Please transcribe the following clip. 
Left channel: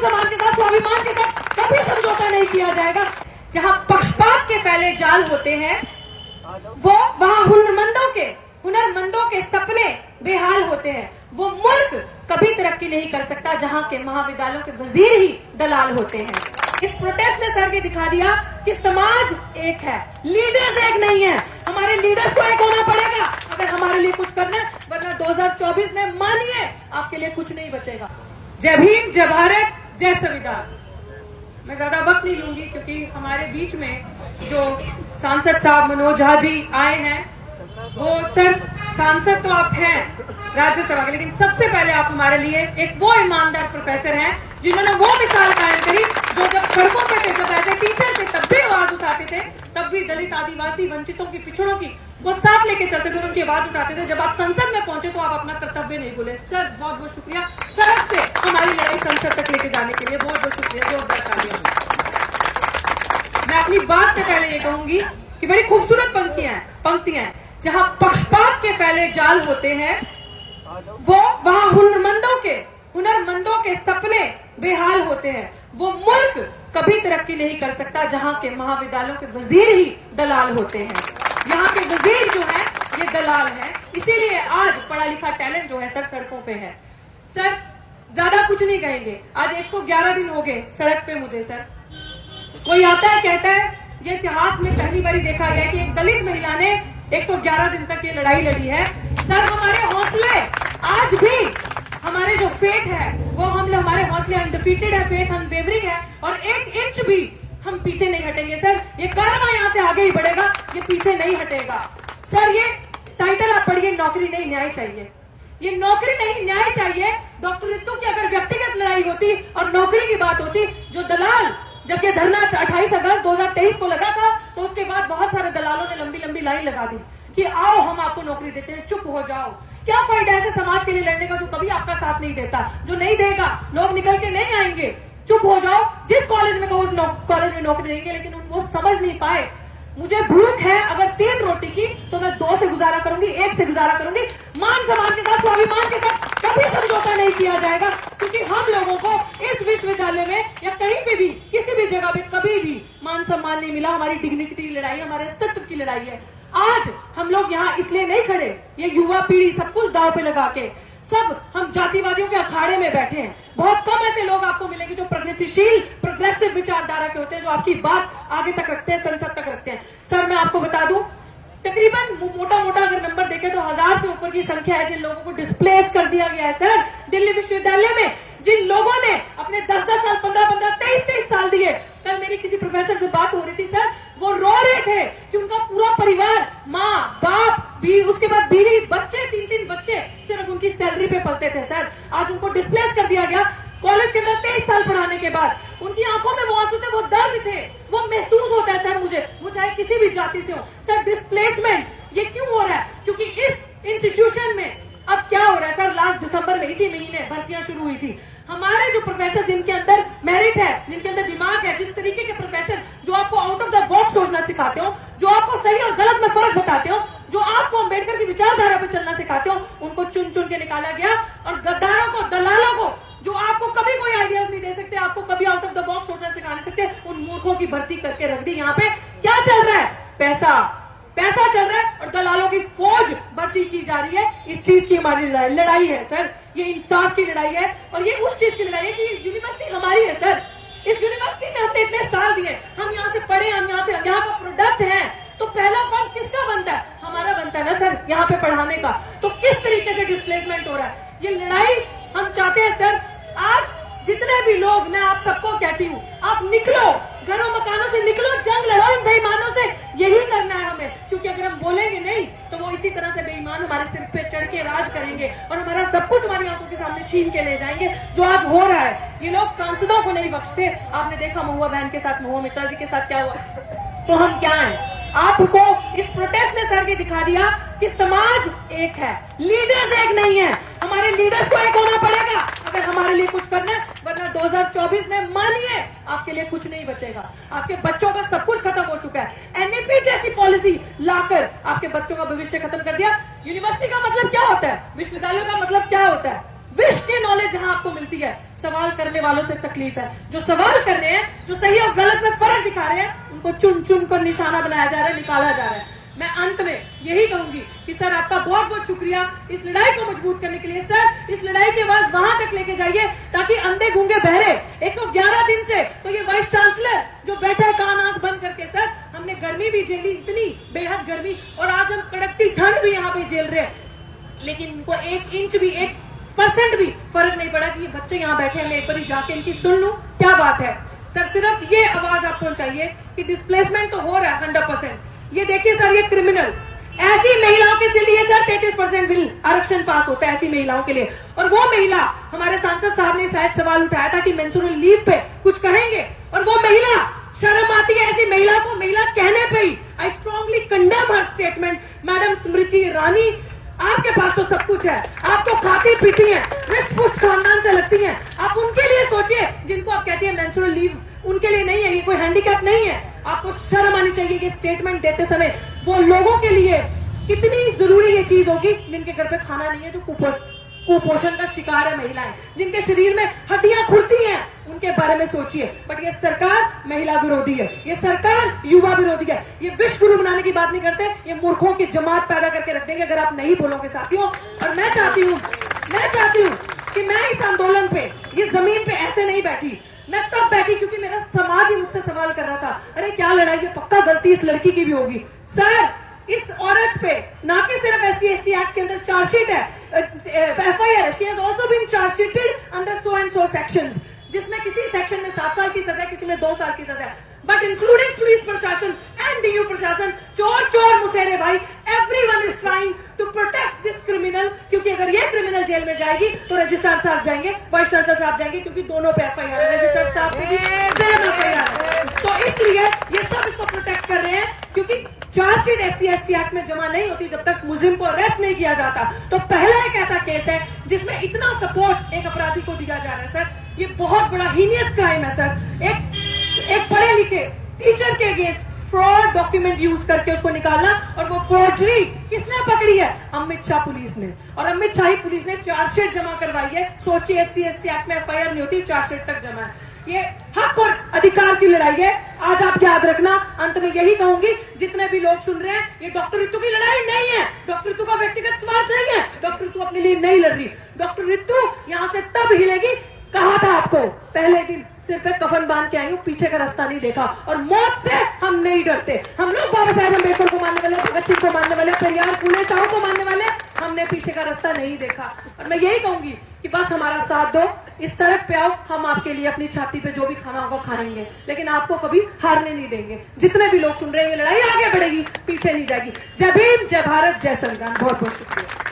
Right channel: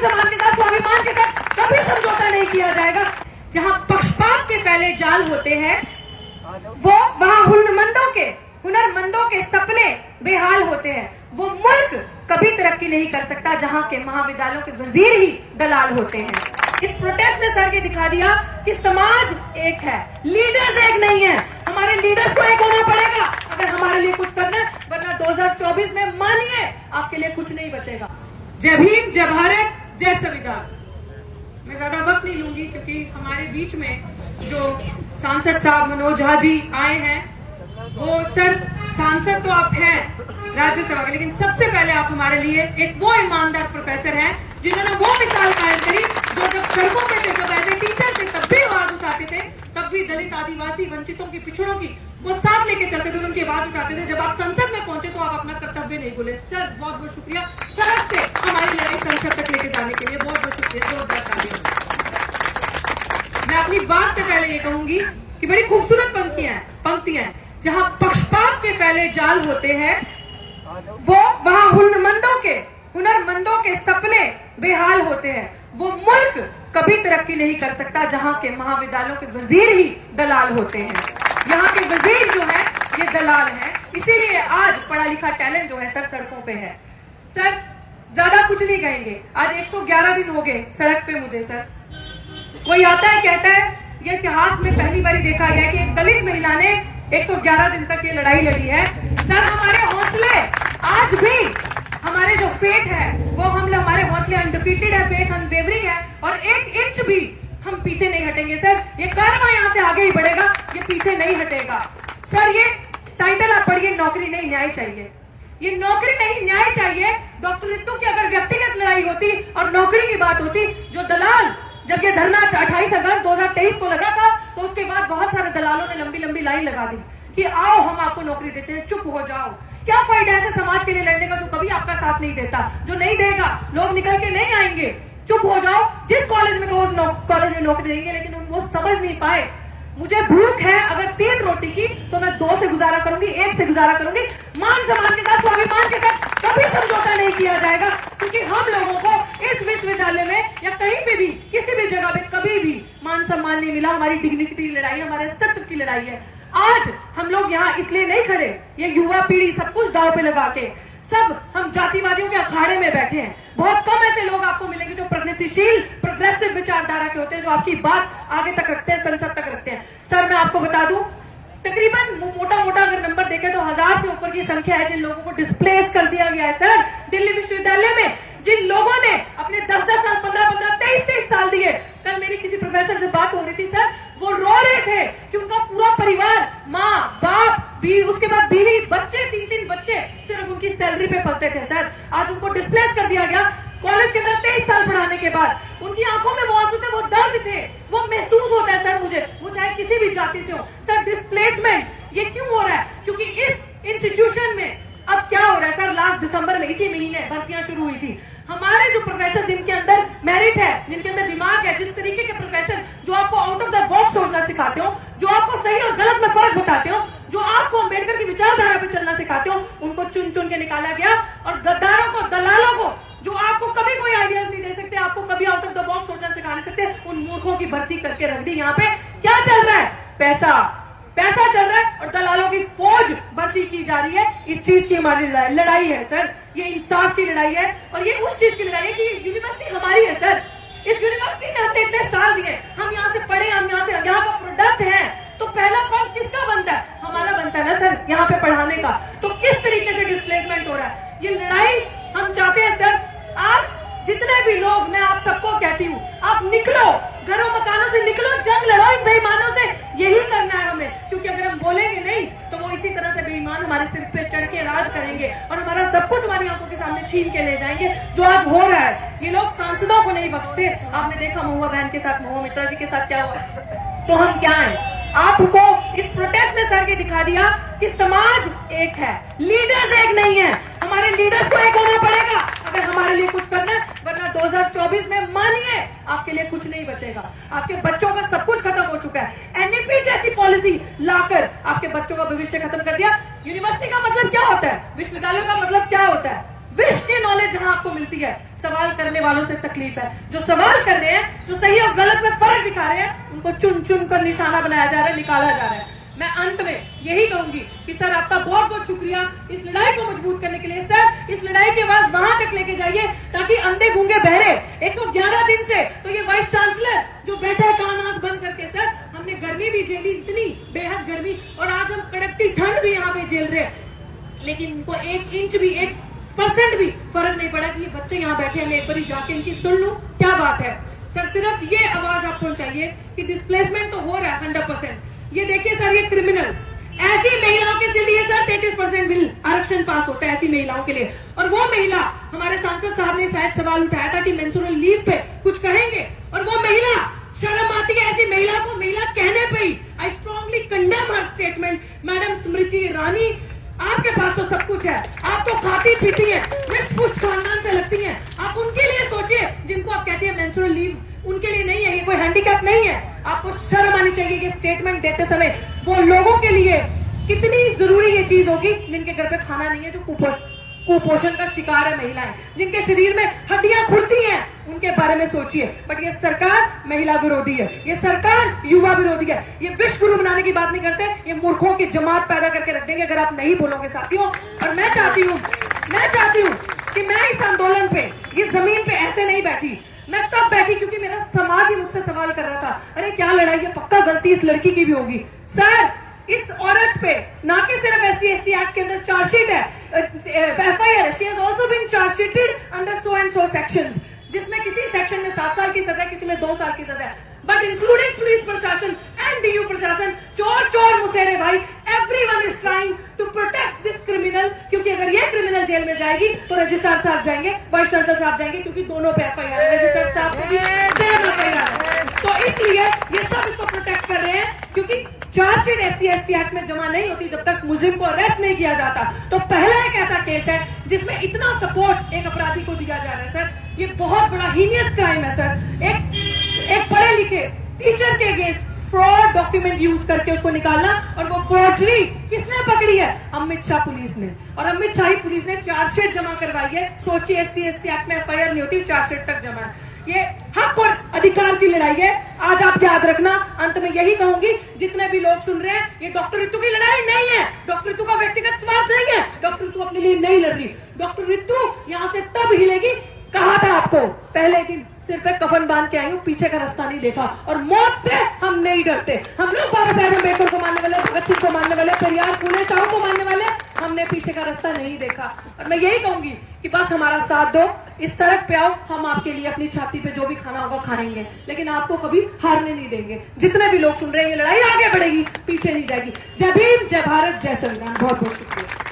सम्मान के साथ, स्वाभिमान के साथ कभी समझौता नहीं किया जाएगा। जहां पक्षपात के फैले जाल होते हैं वहां हुनरमंदों के सपने बेहाल होते हैं। वो मुल्क कभी तरक्की नहीं कर सकता जहां के महाविद्यालयों के वजीर ही दलाल होते हैं। इस प्रोटेस्ट ने सर ये दिखा दिया कि समाज एक है, लीडर्स एक नहीं है। हमारे लीडर्स को एक होना पड़ेगा अगर हमारे लिए कुछ करना है, वरना 2024 में मानिए आपके लिए कुछ नहीं बचेगा। जय भीम, जय भारत, जय संविधान। मैं ज्यादा वक्त नहीं लूंगी क्योंकि हमारे बीच में जो सांसद साहब मनोज झा जी आए हैं, वो सर सांसद तो आप हैं राज्यसभा के, लेकिन सबसे पहले आप हमारे लिए एक वो ईमानदार प्रोफेसर हैं जिन्होंने वो मिसाल कायम करी जो जब सड़कों पे थे, जब ऐसे टीचर थे तब भी आवाज उठाते थे, तब भी दलित, आदिवासी, वंचितों की, पिछड़ों की वो साथ लेके चलते थे, उनकी आवाज उठाते थे। जब आप संसद में पहुंचे तो आप अपना कर्तव्य नहीं भूले। सर बहुत बहुत शुक्रिया, सड़क से हमारी लड़ाई संसद तक लेके जाने के लिए बहुत बहुत शुक्रिया, जोरदार तालियां। मैं अपनी बात से पहले ये कहूंगी कि बड़ी खूबसूरत पंक्तियां हैं। जहां पक्षपात के फैले जाल होते हैं वहां हुनरमंदों के सपने बेहाल होते हैं। वो मुल्क कभी तरक्की नहीं कर सकता जहां के महाविद्यालयों के वजीर ही दलाल होते हैं। यहाँ के वजीर जो है ये दलाल हैं, इसीलिए आज पढ़ा लिखा टैलेंट जो है सर सड़कों पे है। सर ज्यादा कुछ नहीं कहेंगे, आज 111 दिन हो गए सड़क पे मुझे। सर कोई आता है कहता है ये इतिहास में पहली बार देखा गया कि एक दलित महिला ने 111 दिन तक ये लड़ाई लड़ी है। सर हमारे हौसले आज भी, हमारे जो फेट है वो हमारे हौसले अनडिफीटेड है, फेट अनवेवरिंग है और 1 इंच भी हम पीछे नहीं हटेंगे। सर ये कारवां यहाँ से आगे ही बढ़ेगा, ये पीछे नहीं हटेगा। सर ये टाइटल आप पढ़िए, नौकरी नहीं न्याय चाहिए। ये नौकरी नहीं न्याय चाहिए। डॉक्टर रितु की अगर व्यक्तिगत लड़ाई होती और नौकरी की बात होती, जो दलाल, जब ये धरना 28 अगस्त 2023 को लगा था तो उसके बाद बहुत सारे दलालों ने लंबी लंबी लाइन लगा दी कि आओ हम आपको नौकरी देते हैं, चुप हो जाओ। क्या फायदा ऐसे समाज के लिए लड़ने का जो कभी आपका साथ नहीं देता, जो नहीं देगा, लोग निकल के नहीं आएंगे, चुप हो जाओ। जिस कॉलेज में कहो उस कॉलेज में नौकरी देंगे, लेकिन वो समझ नहीं पाए। मुझे भूख है अगर 3 रोटी की तो मैं 2 से गुजारा करूंगी, 1 से गुजारा करूंगी। मान सम्मान के साथ, स्वाभिमान के साथ कभी समझौता नहीं किया जाएगा, क्योंकि हम लोगों को इस विश्वविद्यालय में या कहीं पे भी किसी भी जगह पे कभी भी मान सम्मान नहीं मिला। हमारी डिग्निटी की लड़ाई, हमारे अस्तित्व की लड़ाई है। आज हम लोग यहाँ इसलिए नहीं खड़े, ये युवा पीढ़ी सब कुछ दांव पे लगा के, सब हम जातिवादियों के अखाड़े में बैठे हैं। बहुत कम ऐसे लोग आपको मिलेंगे जो प्रगतिशील, प्रोग्रेसिव विचारधारा के होते हैं, जो आपकी बात आगे तक रखते हैं, संसद तक रखते हैं। सर मैं आपको बता दूं, तकरीबन मोटा अगर नंबर देखें तो 1000 से ऊपर की संख्या है जिन लोगों को डिस्प्लेस कर दिया गया है। सर दिल्ली विश्वविद्यालय में जिन लोगों ने अपने 10-10 साल, 15-15, 23-23 साल दिए, कल मेरी किसी प्रोफेसर से बात हो रही थी, सर वो रो रहे थे कि उनका पूरा परिवार, माँ बाप भी, उसके बाद बीवी, बच्चे, 3-3 बच्चे सिर्फ उनकी सैलरी पे पलते थे। सर आज उनको डिस्प्लेस कर दिया गया कॉलेज के अंदर 23 साल पढ़ाने के बाद। उनकी आंखों में वो आंसू थे, वो दर्द थे, वो महसूस होता है सर मुझे, वो चाहे किसी भी जाति से हो। सर डिस्प्लेसमेंट ये क्यों हो रहा है? क्योंकि इस इंस्टीट्यूशन में अब क्या हो रहा है सर, लास्ट दिसंबर में, इसी महीने भर्तियां शुरू हुई थी। हमारे जो प्रोफेसर जिनके अंदर मेरिट है, जिनके अंदर दिमाग है, जिस तरीके के प्रोफेसर जो आपको आउट ऑफ द बॉक्स सोचना सिखाते हो, जो आपको सही और गलत में फर्क बताते हो, जो आपको अंबेडकर की विचारधारा पर चलना सिखाते हो, उनको चुन चुन के निकाला गया। और गद्दारों को, दलालों को, जो आपको कभी कोई आइडियाज नहीं दे सकते, आपको कभी आउट ऑफ द बॉक्स सोचना सिखा नहीं सकते, उन मूर्खों की भर्ती करके रख दी। यहाँ पे क्या चल रहा है? पैसा चल रहा है और दलालों की फौज भर्ती की जा रही है। इस चीज की हमारी लड़ाई है सर, ये इंसाफ की लड़ाई है और ये उस चीज की लड़ाई है कि यूनिवर्सिटी हमारी है सर। इस यूनिवर्सिटी में हमने इतने साल दिए, हम यहाँ से पढ़े, हम यहाँ का प्रोडक्ट है, तो पहला फर्ज किसका बनता है? हमारा बनता है ना सर, यहाँ पे पढ़ाने का। तो किस तरीके से डिस्प्लेसमेंट हो रहा है, ये लड़ाई हम चाहते हैं सर। आज जितने भी लोग, मैं आप सबको कहती हूँ, आप निकलो, घरों मकानों से निकलो, जंग लड़ो इन बेईमानों से, यही करना है हमें। क्योंकि अगर हम बोलेंगे नहीं तो वो इसी तरह से बेईमान हमारे सिर पे चढ़ के राज करेंगे और हमारा सब कुछ हमारी आंखों के सामने छीन के ले जाएंगे, जो आज हो रहा है। ये लोग सांसदों को नहीं बख्शते। आपने देखा महुआ बहन के साथ, महुआ मित्रा जी के साथ क्या हुआ, तो हम क्या है? आपको इस प्रोटेस्ट ने सर ये दिखा दिया कि समाज एक है, लीडर्स एक नहीं है। हमारे लीडर्स को एक होना पड़ेगा अगर हमारे लिए कुछ करना है, वरना 2024 में मानिए आपके लिए कुछ नहीं बचेगा। आपके बच्चों का सब कुछ खत्म हो चुका है। एनईपी जैसी पॉलिसी लाकर आपके बच्चों का भविष्य खत्म कर दिया। यूनिवर्सिटी का मतलब क्या होता है? विश्वविद्यालय का मतलब क्या होता है? विश की नॉलेज जहां आपको मिलती है, सवाल करने वालों से तकलीफ है। जो सवाल कर रहे हैं, जो सही और गलत में फर्क दिखा रहे हैं, उनको चुन चुन कर निशाना बनाया जा रहा है, निकाला जा रहा है। मैं अंत में यही कहूंगी कि सर आपका बहुत बहुत शुक्रिया इस लड़ाई को मजबूत करने के लिए। सर इस लड़ाई की आवाज वहां तक लेके जाइए ताकि अंधे गूंगे बहरे 111 दिन से तो ये वाइस चांसलर जो बैठा है कान आंख बंद करके, सर हमने गर्मी भी झेली, इतनी बेहद गर्मी, और आज हम कड़कती ठंड भी यहाँ पे झेल रहे हैं, लेकिन इनको 1 इंच भी 1% भी फर्क नहीं पड़ा कि ये बच्चे यहाँ बैठे हैं, मैं एक बार जाके इनकी सुन लूं क्या बात है। सर सिर्फ ये आवाज आप पहुंचाइए कि डिस्प्लेसमेंट तो हो रहा है 100%। ये देखिए सर, ये क्रिमिनल ऐसी महिलाओं के लिए सर 33% बिल आरक्षण पास होता है ऐसी महिलाओं के लिए। और वो महिला, हमारे सांसद साहब ने शायद सवाल उठाया था कि मेंस्ट्रुअल लीव पे कुछ कहेंगे, और वो महिला, शर्म आती है ऐसी महिला को महिला कहने पे ही। I strongly condemn her statement. Madam Smriti Irani, आपके पास तो सब कुछ है, आप तो खाती पीती हैं, रिष्ट पुष्ट खानदान से लगती हैं, आप उनके लिए सोचिए जिनको आप कहती है मेंस्ट्रुअल लीव उनके लिए नहीं है, ये कोई हैंडीकैप नहीं है। आपको शर्म आनी चाहिए कि स्टेटमेंट देते समय वो लोगों के लिए कितनी जरूरी ये चीज होगी जिनके घर पे खाना नहीं है, जो कुपोषण का शिकार है महिलाएं, जिनके शरीर में हड्डियां खुरती हैं, उनके बारे में सोचिए। बट ये सरकार महिला विरोधी है, ये सरकार युवा विरोधी है, ये विश्व गुरु बनाने की बात नहीं करते, ये मूर्खों की जमात पैदा करके रख देंगे अगर आप नहीं बोलोगे साथियों। और मैं चाहती हूँ कि मैं इस आंदोलन पे, इस जमीन पे ऐसे नहीं बैठी, मैं तब बैठी क्योंकि मेरा समाज ही मुझसे सवाल कर रहा था, अरे क्या लड़ाई है, पक्का गलती इस लड़की की भी होगी। सर इस औरत पे ना कि सिर्फ SC/ST एक्ट के अंदर चार्जशीट है, FIR, she has also been chargesheeted under so and so sections, जिसमें किसी सेक्शन में 7 साल की सजा, किसी में 2 साल की सजा, बट इंक्लूडिंग पुलिस प्रशासन एंड DU प्रशासन, चोर मुसेरे भाई, everyone is trying to protect this criminal, क्योंकि अगर ये क्रिमिनल जेल में जाएगी तो रजिस्ट्रार साहब जाएंगे, वाइस चांसलर साहब जाएंगे, क्योंकि दोनों पे FIR है, रजिस्ट्रार साहब को भी सेम FIR है। तो इसलिए ये सब इसको प्रोटेक्ट कर रहे हैं, क्योंकि चार्जशीट SC/ST एक्ट में जमा नहीं होती जब तक मुजरिम को अरेस्ट नहीं किया जाता। तो पहला एक ऐसा केस है जिसमें इतना सपोर्ट एक अपराधी को दिया जा रहा है। सर ये बहुत बड़ा हीनियस क्राइम है सर, एक पढ़े लिखे टीचर के अगेंस्ट फ्रॉड डॉक्यूमेंट यूज करके उसको निकालना, और वो फॉर्जरी किसने पकड़ी है, अमित शाह पुलिस ने, और अमित शाही पुलिस ने चार्जशीट जमा करवाई है। सोचिए SC/ST एक्ट में FIR नहीं होती, चार्जशीट तक जमा है। ये हक और अधिकार की लड़ाई है, आज आप याद रखना। अंत में यही कहूंगी, जितने भी लोग सुन रहे हैं, ये डॉक्टर रितु की लड़ाई नहीं है, डॉक्टर रितु का व्यक्तिगत स्वार्थ नहीं है, डॉक्टर रितु अपने लिए नहीं लड़ रही, डॉक्टर रितु यहाँ से तब हिलेगी, कहा था आपको पहले दिन सिर पे कफन बांध के आए, पीछे का रास्ता नहीं देखा, और मौत से हम नहीं डरते। हम लोग बाबा साहेब अम्बेडकर को मानने वाले, भगत सिंह को मानने वाले, पेरियार, फूले शाह को मानने वाले, हमने पीछे का रास्ता नहीं देखा। और मैं यही कहूंगी कि बस हमारा साथ दो, इस सड़क पे आओ, हम आपके लिए अपनी छाती पे जो भी खाना होगा खाएंगे, लेकिन आपको कभी हारने नहीं देंगे। जितने भी लोग सुन रहे हैं, ये लड़ाई आगे बढ़ेगी, पीछे नहीं जाएगी। जय भीम, जय भारत, जय संविधान। बहुत बहुत शुक्रिया।